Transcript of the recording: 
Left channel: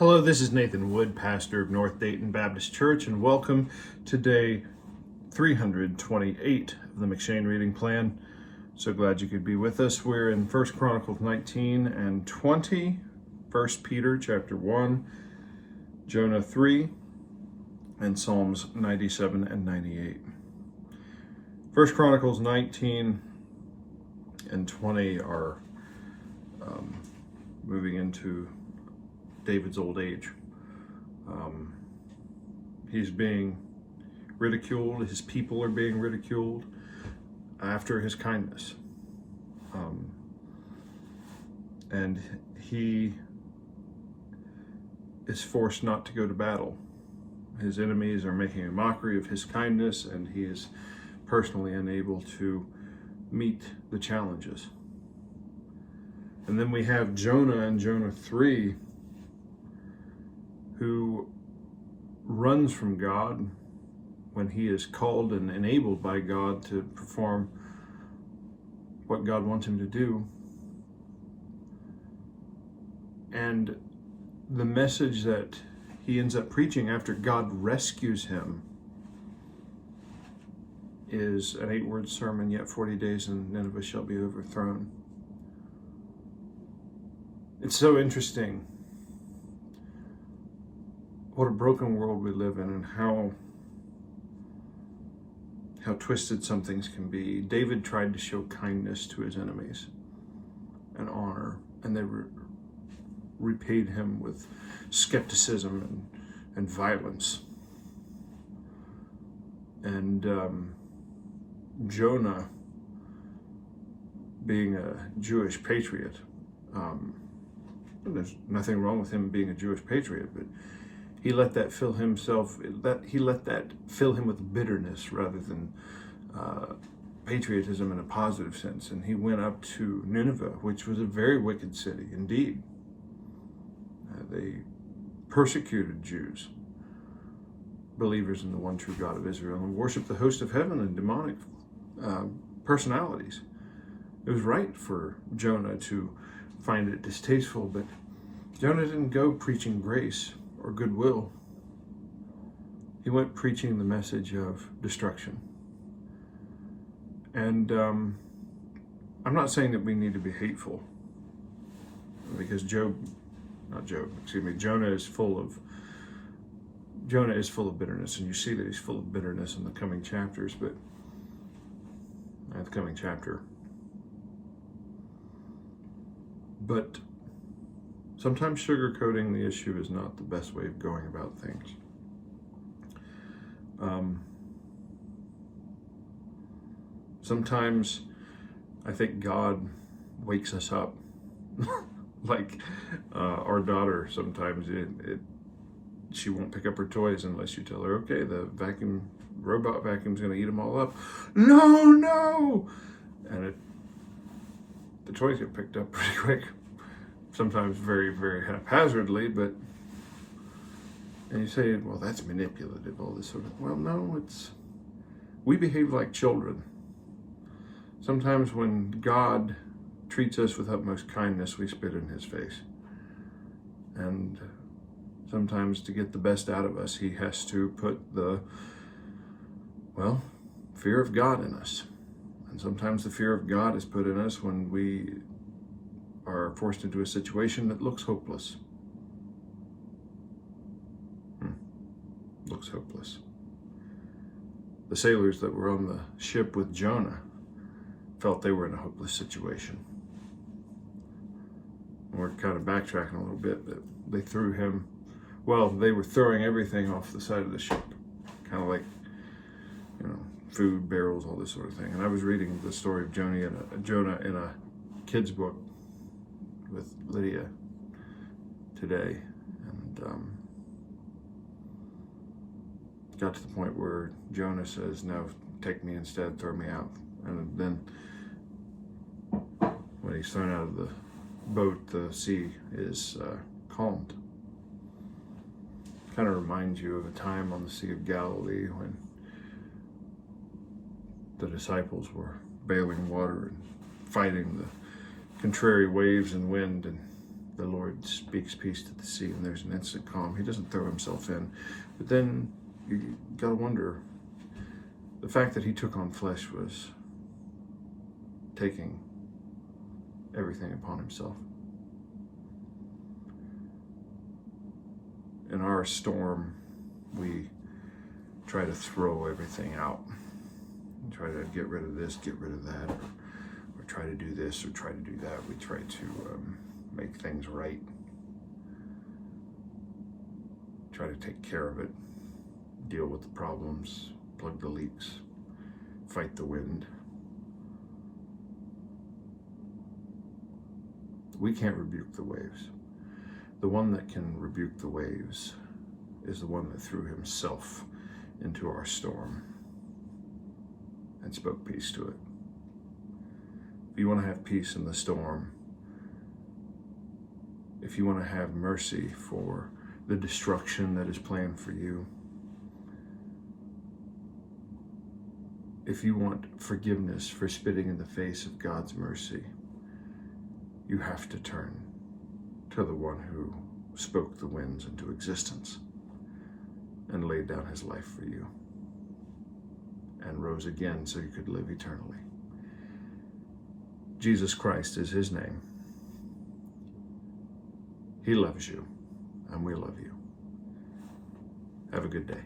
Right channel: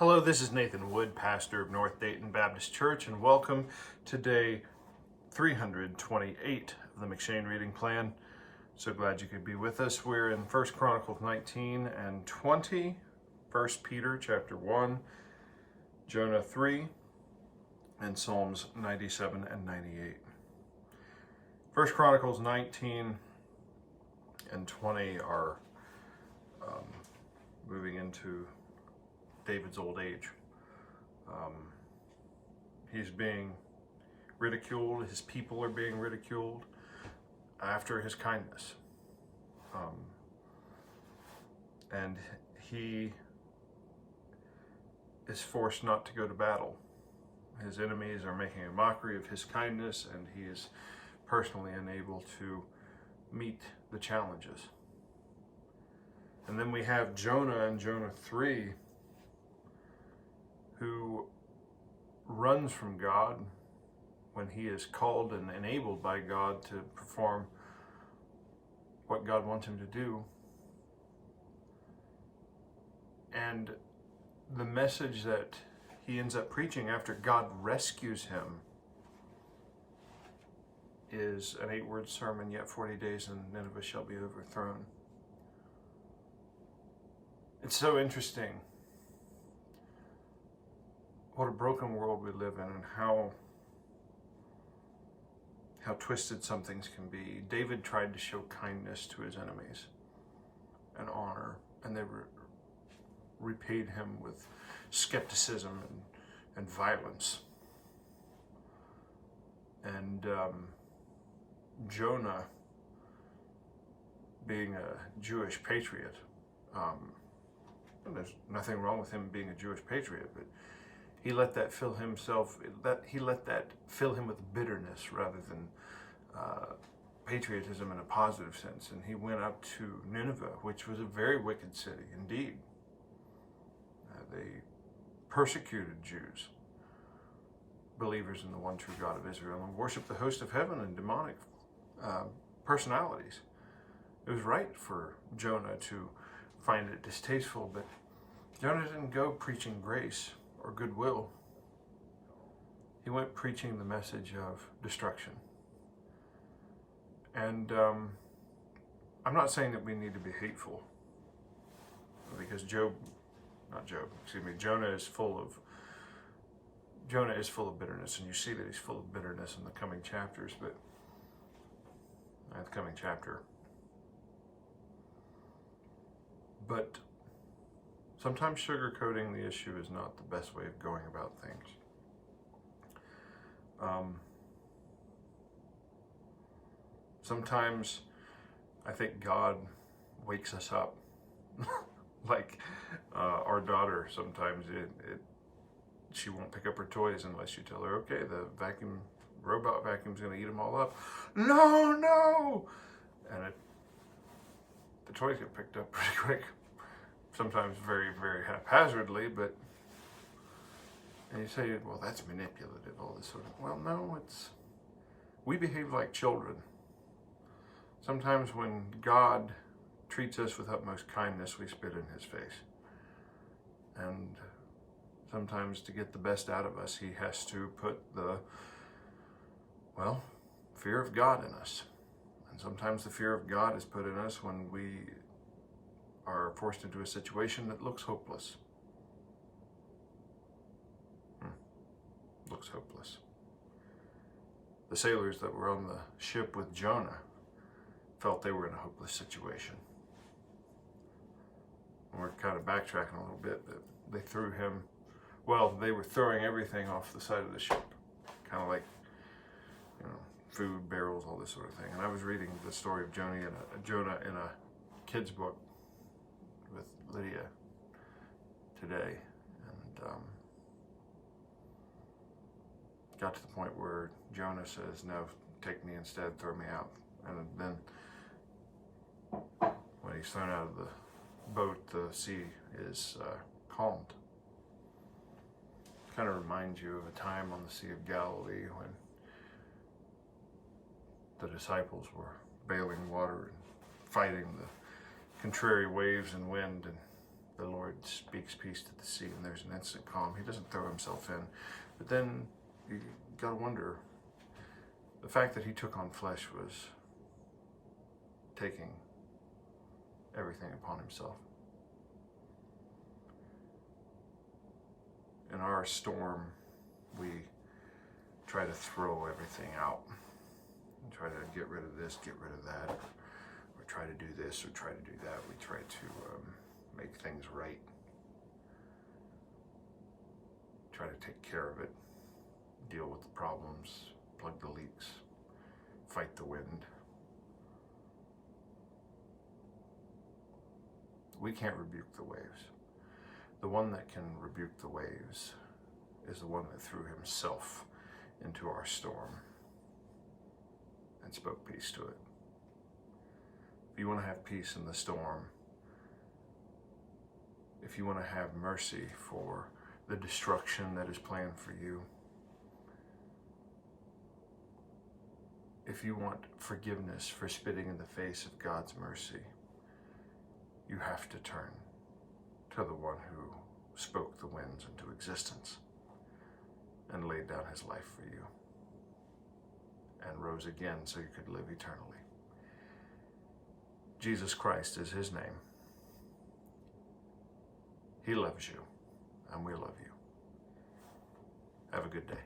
Hello, this is Nathan Wood, pastor of North Dayton Baptist Church, and welcome to day 328 of the McShane reading plan. So glad you could be with us. We're in 1 Chronicles 19 and 20, 1 Peter chapter 1, Jonah 3, and Psalms 97 and 98. 1 Chronicles 19 and 20 are moving into David's old age. He's being ridiculed. His people are being ridiculed after his kindness. And he is forced not to go to battle. His enemies are making a mockery of his kindness, and he is personally unable to meet the challenges. And then we have Jonah in Jonah 3, who runs from God when he is called and enabled by God to perform what God wants him to do. And the message that he ends up preaching after God rescues him is an 8-word sermon: yet 40 days and Nineveh shall be overthrown. It's so interesting what a broken world we live in, and how twisted some things can be. David tried to show kindness to his enemies and honor, and they repaid him with skepticism and violence. And Jonah, being a Jewish patriot, there's nothing wrong with him being a Jewish patriot, but he let that fill him with bitterness rather than patriotism in a positive sense. And he went up to Nineveh, which was a very wicked city indeed. They persecuted Jews, believers in the one true God of Israel, and worshiped the host of heaven and demonic personalities. It was right for Jonah to find it distasteful, but Jonah didn't go preaching grace or goodwill. He went preaching the message of destruction. And I'm not saying that we need to be hateful, because Jonah is full of bitterness, and you see that he's full of bitterness in the coming chapters, but the coming chapter. But sometimes sugarcoating the issue is not the best way of going about things. Sometimes I think God wakes us up. Like our daughter, sometimes she won't pick up her toys unless you tell her, okay, the robot vacuum's going to eat them all up. No! And the toys get picked up pretty quick. Sometimes very, very haphazardly, and you say, well, that's manipulative, all this sort of, well, no, we behave like children. Sometimes when God treats us with utmost kindness, we spit in his face. And sometimes to get the best out of us, he has to put the fear of God in us. And sometimes the fear of God is put in us when we are forced into a situation that looks hopeless. Looks hopeless. The sailors that were on the ship with Jonah felt they were in a hopeless situation. And we're kind of backtracking a little bit, that they threw him, they were throwing everything off the side of the ship, kind of like, food, barrels, all this sort of thing. And I was reading the story of Jonah in a kid's book with Lydia today, and got to the point where Jonah says, no, take me instead, throw me out. And then when he's thrown out of the boat, the sea is calmed. Kind of reminds you of a time on the Sea of Galilee when the disciples were bailing water and fighting the contrary waves and wind, and The Lord speaks peace to the sea, and there's an instant calm. He doesn't throw himself in. But then you got to wonder, the fact that he took on flesh was taking everything upon himself. In our storm, we try to throw everything out and try to get rid of this, get rid of that, or try to do this or try to do that. We try to make things right, try to take care of it, deal with the problems, plug the leaks, fight the wind. We can't rebuke the waves. The one that can rebuke the waves is the one that threw himself into our storm and spoke peace to it. If you want to have peace in the storm, if you want to have mercy for the destruction that is planned for you, if you want forgiveness for spitting in the face of God's mercy, you have to turn to the one who spoke the winds into existence and laid down his life for you and rose again so you could live eternally. Jesus Christ is his name. He loves you, and we love you. Have a good day.